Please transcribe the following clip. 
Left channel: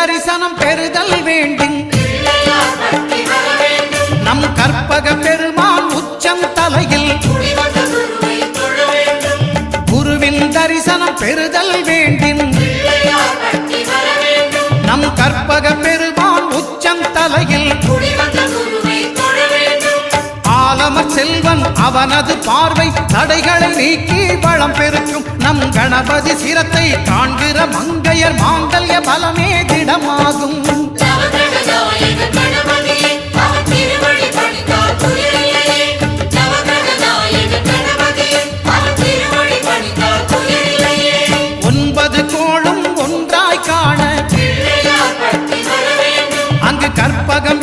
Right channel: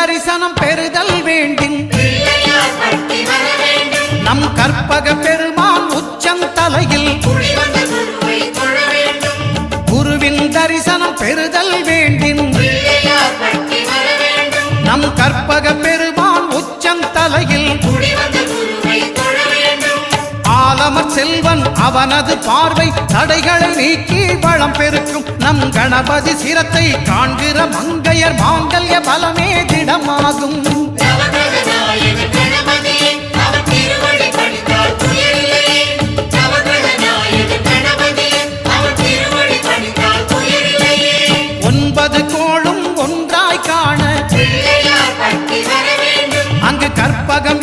தரிசனம் பெறுதல் வேண்டும் நம் கற்பக பெருமான் உச்சந்தலையில் குருவின் தரிசனம் பெறுதல் வேண்டும் நம் கற்பக பெருமான் உச்சந்தலையில் ஆலமர் செல்வன் அவனது பார்வை தடைகளை நீக்கி வளம் பெருக்கும் நம் கணபதி சிரத்தை காண்கிற மங்கையர் மாங்கல்ய பலமே திடமாகும் ஒன்பது கோளும் ஒன்றாய் காண அங்கு கற்பகம்